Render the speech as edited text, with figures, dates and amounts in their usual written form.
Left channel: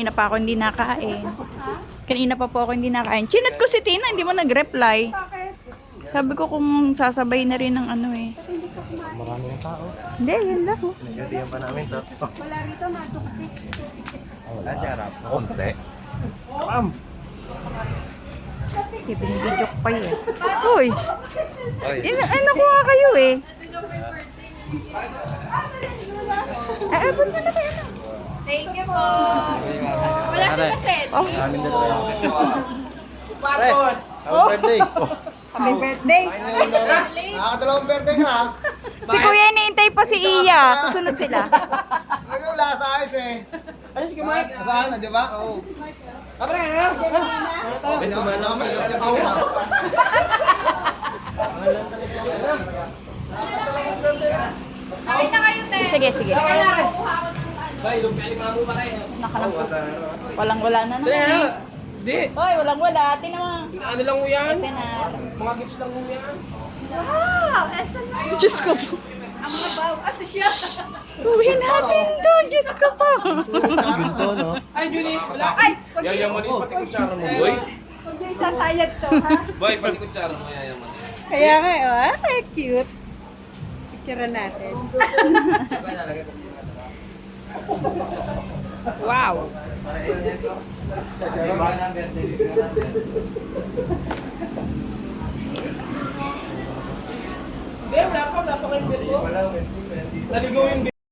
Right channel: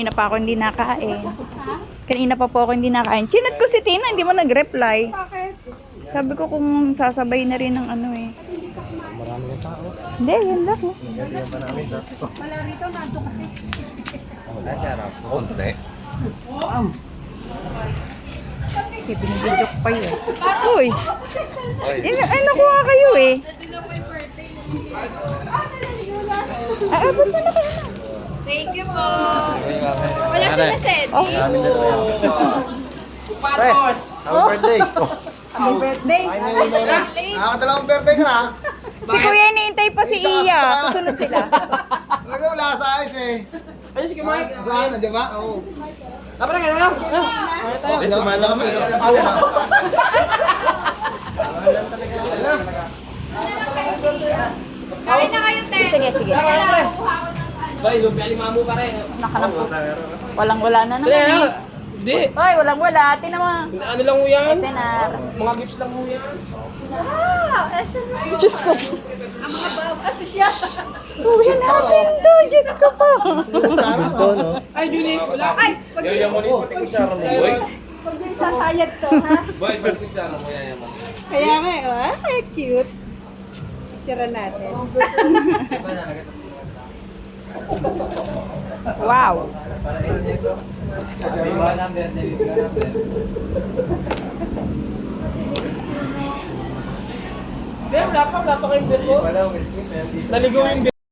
Kanina pa ako hindi nakain. Kanina pa po ako hindi nakain. Chinat ko si Tina, hindi mo nag-reply. Bakit? Sabi ko kung sasabay na rin ng ano eh. Marami ng tao. Hindi, yan lang. Oh. Nagadiyan pa namin. Wala rito, nado kasi. Wala siya rap. Konti. Okay, binibidyo ko kayo eh. Uy! Ay, nakuha kayo eh. Ay, abot na na kayo. Thank you po. Wala sila set. Oh, Maraming dalawa yan. Pre, happy birthday. happy birthday. Nakakadalawang birthday ka na. Si Kuya hinihintay pa si Iya. Susunod sila. Talaga wala sa ayos eh. Ano si Mike? Saan na, di ba? Oo. Kapre ka na. Okay, tumala kami. Kain na kayo, te. Sige, sige. Bay, lumpia lima mo pare. Nakanap po. Walang-wala na naman eh. Hindi. Hoy, walang-wala. Tingnan mo. Ano lang mo yan? SNR. Mga gifts lang mo yan. Diyos ko. Uwi natin to. Diyos ko po. Ay, Julie, wala. Ay, yayaman mo pati kutsara mo, boy. Kung yung sasayad to, ha? Boy, pati kutsara mo yayaman. Kaya nga, ay, cute. Tira natin. Wow. Hindi, wala pa kayong bill ko. Wala, may skip. Naligaw yung